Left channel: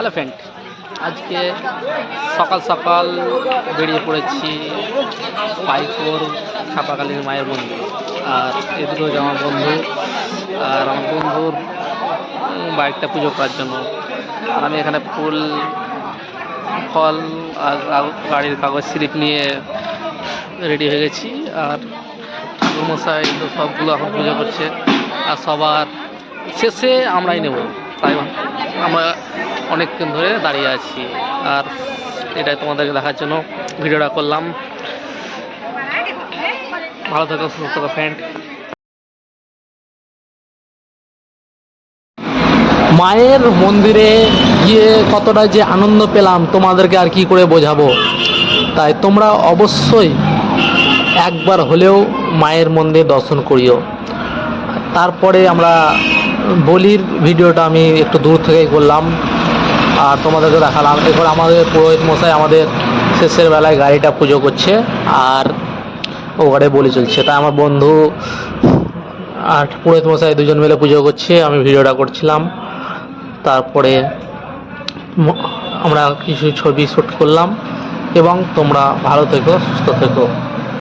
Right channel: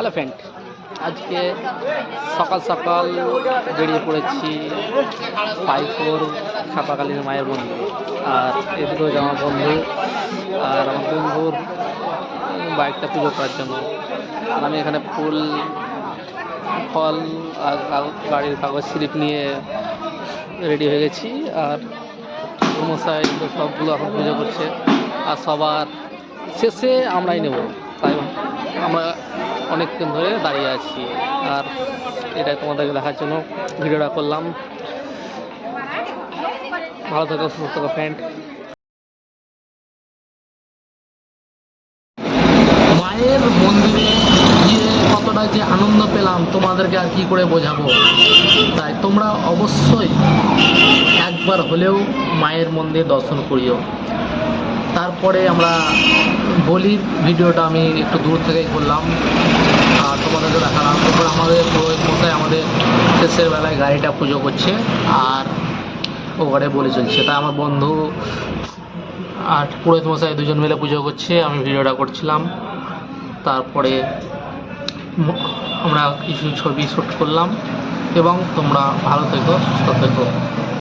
Hello friend, আজকে সকাল সকাল বেরিয়ে পড়েছি পাইকোর ছাপাকালীন মায়ের মন্দির। আর এদিকে হচ্ছে আমার বন্ধু, আর আমার বন্ধুর বাইকটা পুজো করার জন্য। আর আমি এখানে ফুল, ফল আর গাড়ির কাগজ স্লিপ নিয়ে রেডি হয়ে গেছি। আর ঠাকুরমশাই তো সবগুলো এখন পুজো করছে, আর সবার শেষে আমরাই নেব। তাই আমরা অনেকক্ষণ ধরে দাঁড়িয়ে আছি, আর এটাই তোমাদেরকে দেখার জন্য ভিডিওটা করলাম। ভালো থাকো, সুস্থ থাকো ফ্রেন্ড। মায়ের মন্দিরে গিয়ে কতটা যে আনন্দ পেলাম তোমাদেরকে আর কি করে বোঝাবো। তাই তোমরা অবশ্যই একবার হলেও মায়ের মন্দির দর্শন করিও। তারপরে আমরা বলির ভিডিওটা আমি একটু দূর থেকেই করলাম আর তোমাদেরকে দেখালাম। এরপর আমাদের পুরোহিত মশাই আমাদের শেষের বেলায় গাড়িটা পুজো করছে, আর ও ঘরে বলি চলছে। তাই আমার বন্ধু আর পুরোহিত মশাই দুজন মিলে পুজো করছে, আমি ভিডিওটা করছিলাম। তারপরে আমরা কিছু ছবি শ্যুট করলাম। এবং তোমরা ভালো থেকো, সুস্থ থেকো।